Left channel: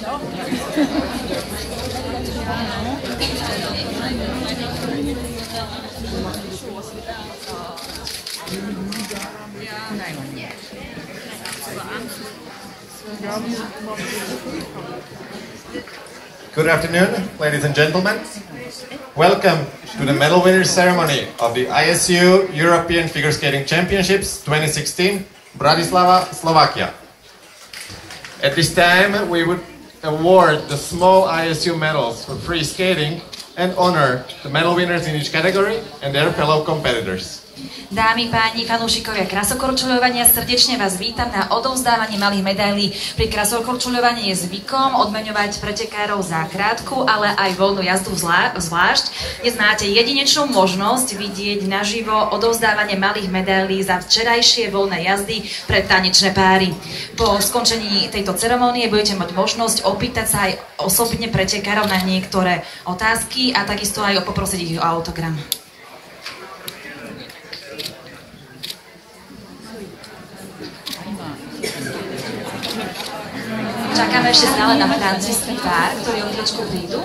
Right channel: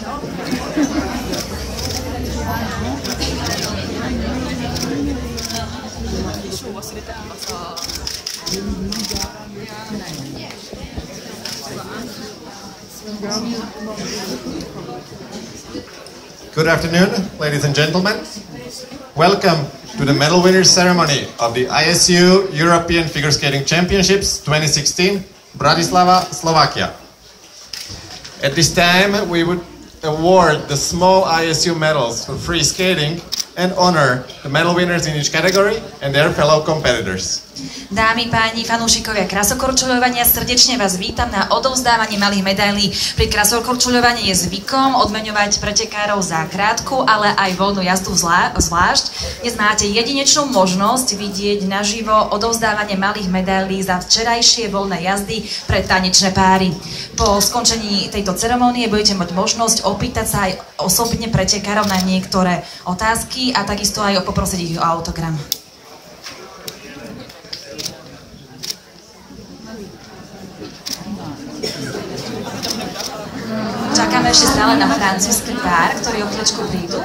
Good afternoon, ladies and gentlemen. Welcome to the medal winners ceremony of the ISU European Figure Skating Championships 2016, Bratislava, Slovakia. At this time, we would award the small ISU medals for free skating and honor the medal winners in each category and their fellow competitors. Dámy, páni, fanúšikovia krasokorčuľovania, srdečne vás vítam na odovzdávanie malých medailí. Pri krasokorčuľovaní je zvykom odmeňovať pretekárov za krátku, ale aj voľnú jazdu zvlášť. Dnes máte jedinečnú možnosť vidieť naživo odovzdávanie malých medailí za včerajšie voľné jazdy pre tanečné páry. Po skončení tejto ceremonie budete mať možnosť opýtať sa aj osobne pretekárov na niektoré otázky a takisto aj poprosiť ich o autogram. Čakáme ešte stále na francúzsky pár, ktorý o chvíľočku prídu.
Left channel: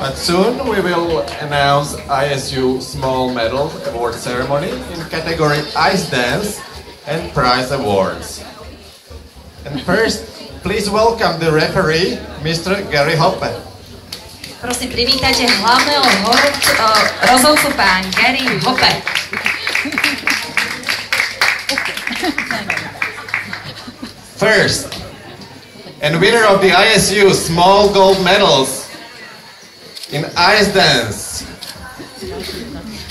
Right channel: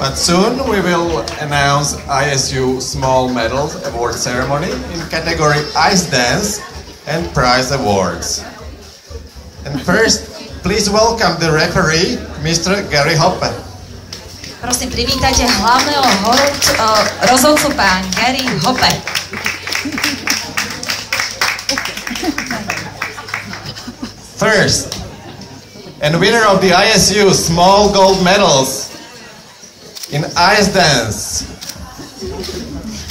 But soon we will announce ISU Small Medal Award Ceremony in category Ice Dance and Prize Awards. And first, please welcome the referee, Mr. Gary Hoppe. Prosím, privítajte hlavného rozhodcu pán Gary Hoppe. First, and winner of the ISU Small Gold Medals in Ice Dance.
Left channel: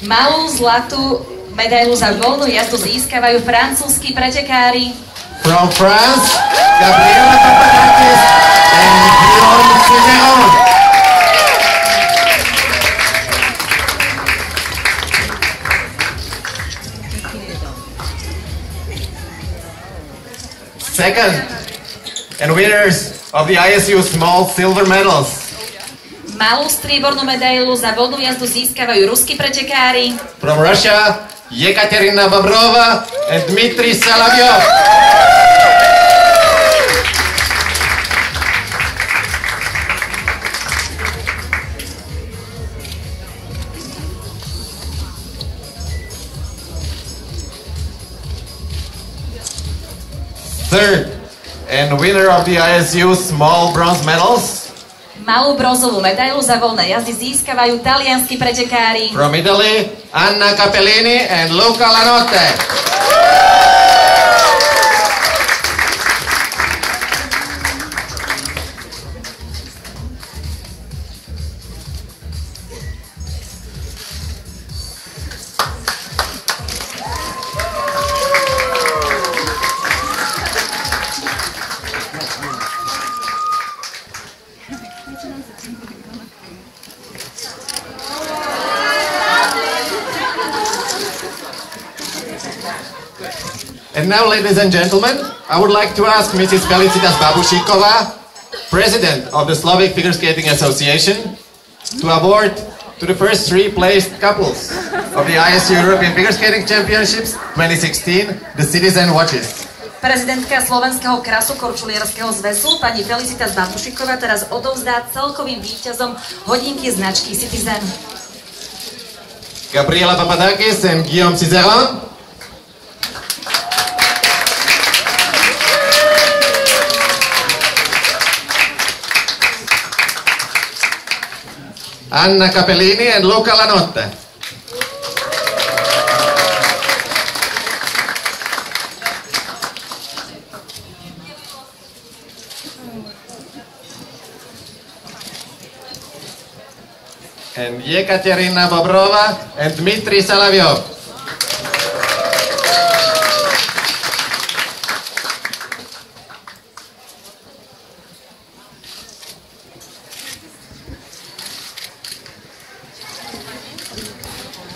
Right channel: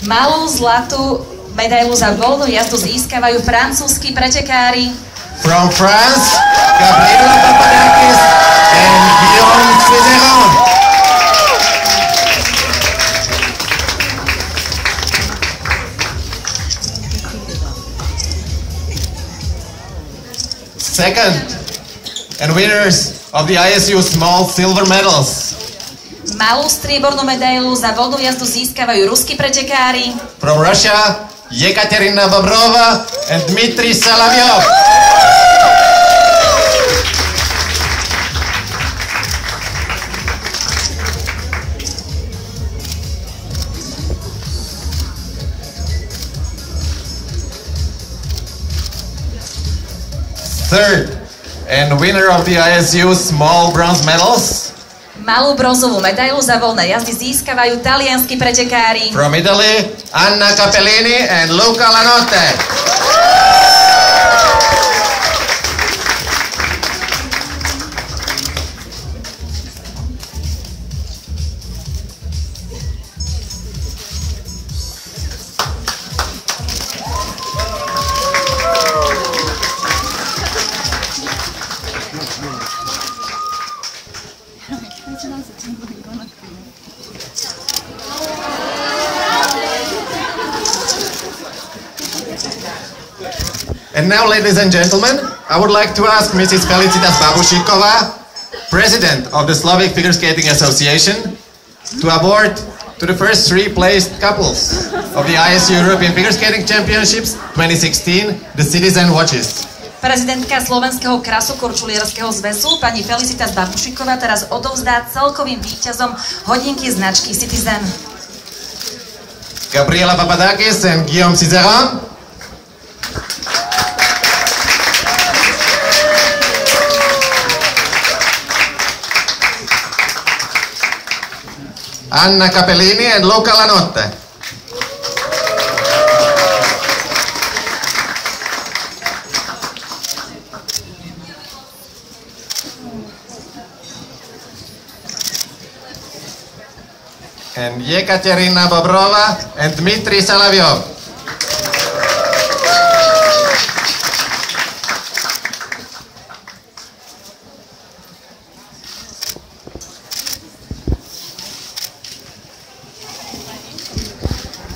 Malú zlatú medailu za voľnú jazdu získavajú francúzski pretekári. From France, Gabriela Papadakis and Guillaume Cizeron. Second, and winners of the ISU Small Silver Medals. Malú striebornú medailu za voľnú jazdu získavajú ruskí pretekári. From Russia, Yekaterina Bobrova and Dmitry Solovyov. Third, and winner of the ISU Small Bronze Medals. Malú bronzovú medailu za voľné jazdy získavajú talianski pretekári. From Italy, Anna Capellini and Luca Lanotte. And now, ladies and gentlemen, I would like to ask Mrs. Felicitas Babušíková, President of the Slovak Figure Skating Association, to award to the first three placed couples of the ISU European Figure Skating Championships 2016 the Citizen Watches. Prezidentka Slovenského krasokorčulierského zväzu, pani Felicitas Babušíková, teraz odovzdá celkovým víťazom hodinky značky Citizen. Gabriela Papadakis and Guillaume Cizeron. Anna Capellini and Luca Lanotte. And Yekaterina Bobrova and Dmitry Solovyov.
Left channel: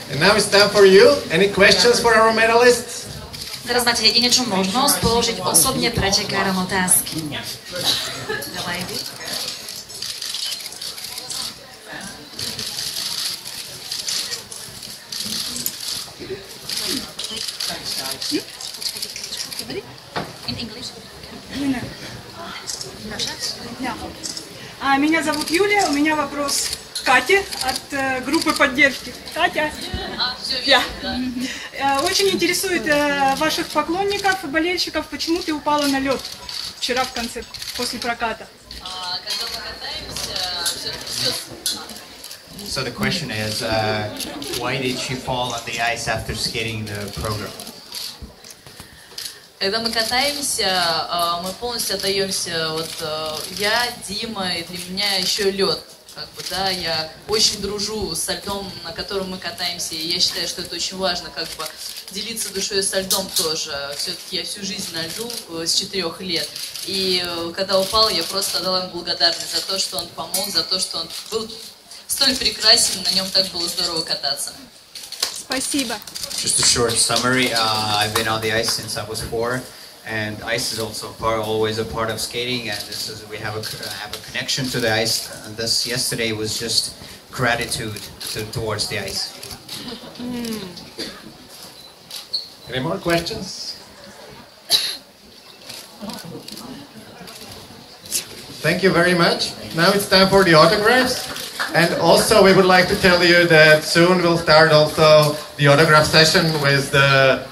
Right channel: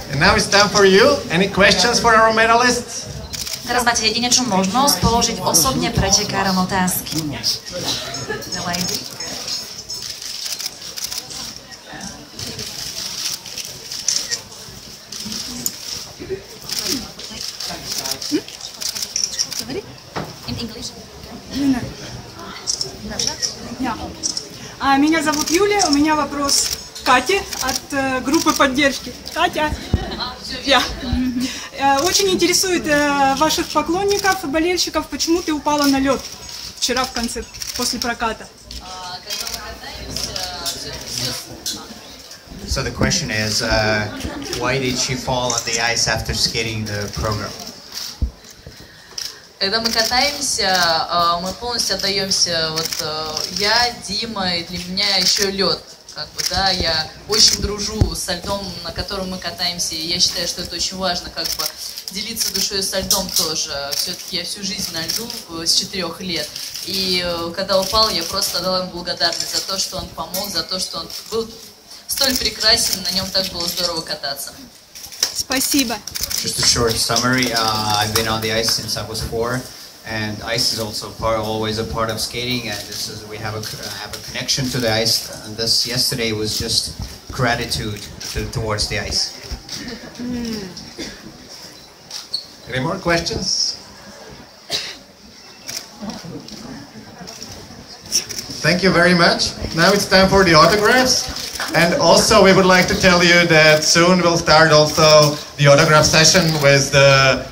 And now it's time for you. Any questions for our medalists? Teraz máte jedinečnú možnosť položiť osobne pretekárom otázky. In English? Меня зовут Юлия, у меня вопрос к Кате от группы поддержки. Катя, очень интересует ваших поклонников и болельщиков, почему ты упала на лед вчера в конце, после проката? So the question is, why did she fall on the ice after skating the program? Когда мы катаемся, мы полностью отдаемся, я, Дима, и для меня еще лед. Я очень дружу со льдом, на котором мы катаемся, и я считаю, что это очень важно, делиться душой со льдом тоже. Все-таки я всю жизнь на льду с 4 лет, и когда упал, я просто отдала ему благодарность за то, что он помог, за то, что он был столь прекрасен, на нем так было здорово кататься. Спасибо. Just a short summary. I've been on the ice since I was 4, and ice is also always a part of skating. And we have a connection to the ice. And this yesterday was just gratitude towards the ice. Any more questions? Thank you very much. Now it's time for the autographs. And also we would like to tell you that soon we'll start also the autograph session with the